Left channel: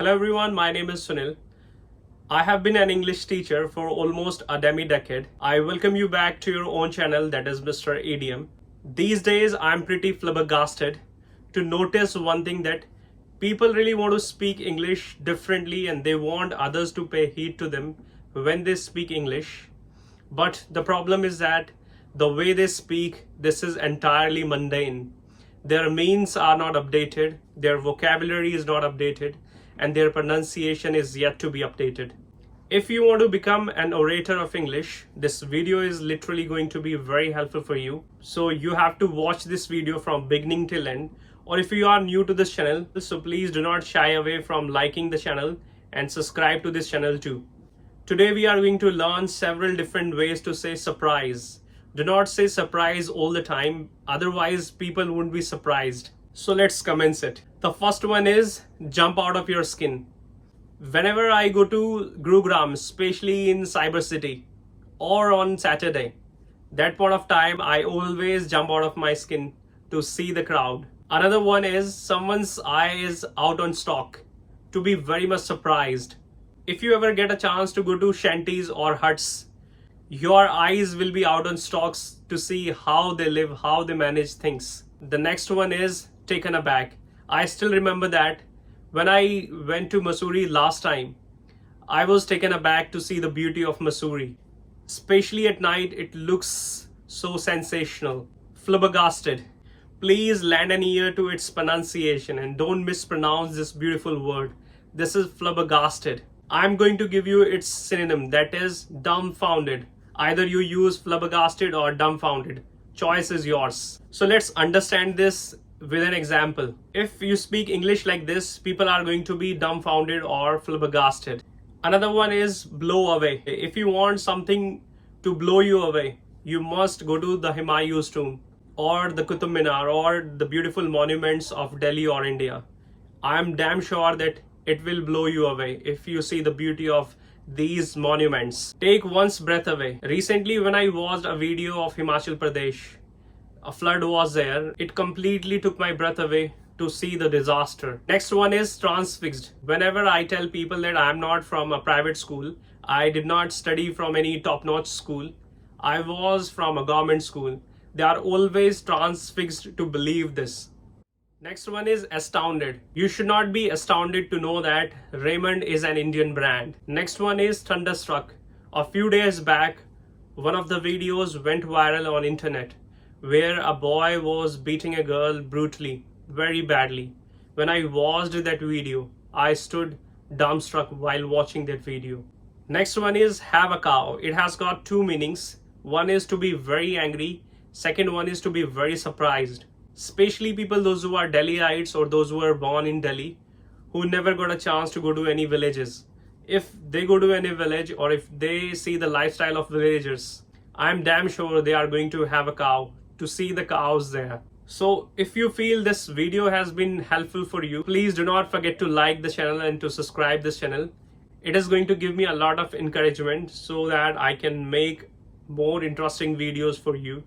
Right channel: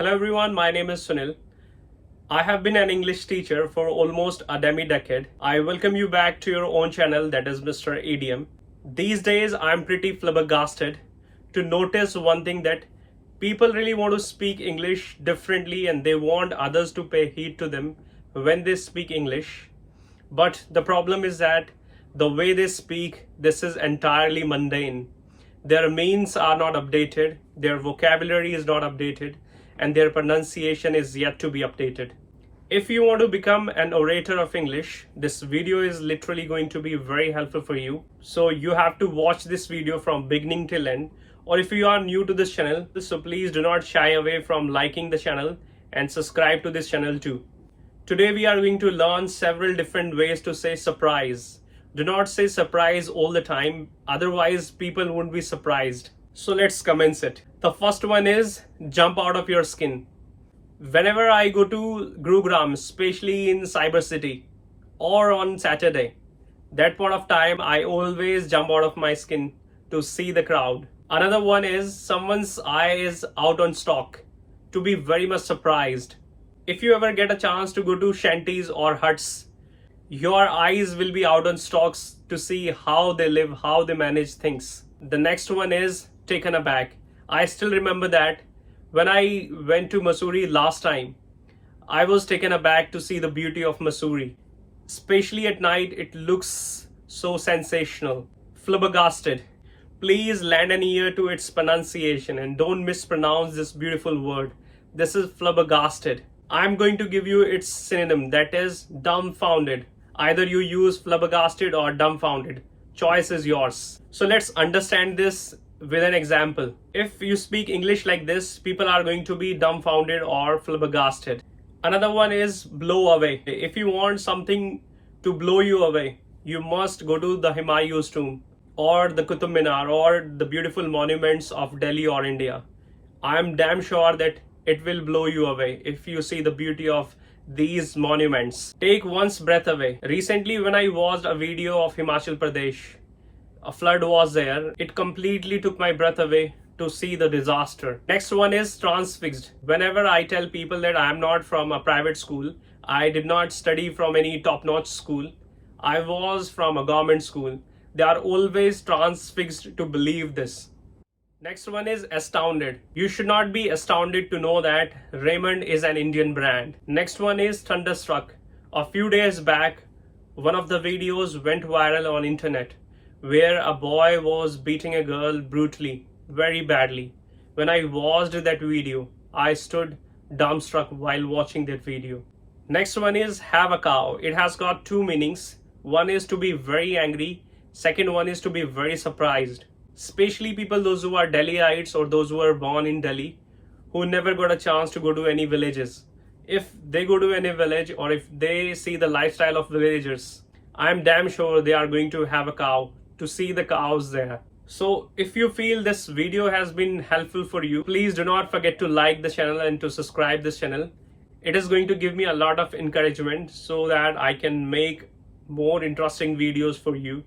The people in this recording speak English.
Hello everyone, my name is Sunil. I have been an English teacher for almost a demi-decade. I welcome you back to your own channel, that is Mr. ADM. These days I'm pretty flabbergasted to notice one thing, that people really want to speak English differently and they want others to pay heed to them when they speak English. But the problem is that the way they speak, this is entirely mundane. Their means are not updated, their vocabulary is not updated, and their pronunciation is yet to be updated. If you want to become an orator of English, this video is literally going to be very helpful for you. So you have to watch this video from beginning till end. Or if you are new to this channel, so please do not shy away from liking the channel and subscribe to this channel too. Today we are going to learn several different ways to say surprise. Do not say surprise all the time, otherwise people won't be surprised. So let's commence it. The first one is jump out of your skin. Whenever I go to Gurugram, especially in Cyber City or on Saturday, that point of time I always jump out of my skin to see the crowd. Another one is someone's eye is out on stock, to be very much surprised. If you ever get a chance to go to shanties or huts, your eyes will be out on stocks to see how they live, how they manage things. The next one is taken aback. I still remember that when I went to Missouri last time, I was taken aback to see the beauty of Missouri. Especially at night, it looks so sensational. Flabbergasted. Please lend an ear to its pronunciation and don't mispronounce this beautiful word. This is flabbergasted. I'm going to give you its synonym, that is dumbfounded. Either you use flabbergasted or dumbfounded. Choice is yours. So let's understand this with an example. If you speak English like this, people are going to be dumbfounded or flabbergasted. Another one is blow away. If you want something to blow you away, you must go to the Humayun's tomb or the Qutub Minar or the beautiful monuments of Delhi or India. I'm damn sure that it will blow you away if you see the beauty of these monuments. Take one's breath away. Recently when I watched a video of Himachal Pradesh, a flood was there. It completely took my breath away to see the disaster. Next one is transfixed. Whenever I tell people that I'm not from a private school, I did not study from any top-notch school, I was from a government school, they are always transfixed to believe this. Next one is astounded. You should not be astounded to know that Raymond is an Indian brand. Next one is thunderstruck. A few days back, one of the videos went viral on internet where a boy was beating a girl brutally, very badly. When I watched that video, I stood dumbstruck while watching that video. Next one is have a cow. It has got two meanings. One is to be very angry. Second one is to be very surprised. Especially people, those who are Delhiites or those who are born in Delhi, who never got a chance to go to any villages. If they go to any village or if they see the lifestyle of villagers, I'm damn sure they are going to have a cow to see the cows there. So if you feel this video has been helpful for you, please do not forget to like the channel and to subscribe this channel. It is going to give me a lot of encouragement so that I can make more interesting videos for you.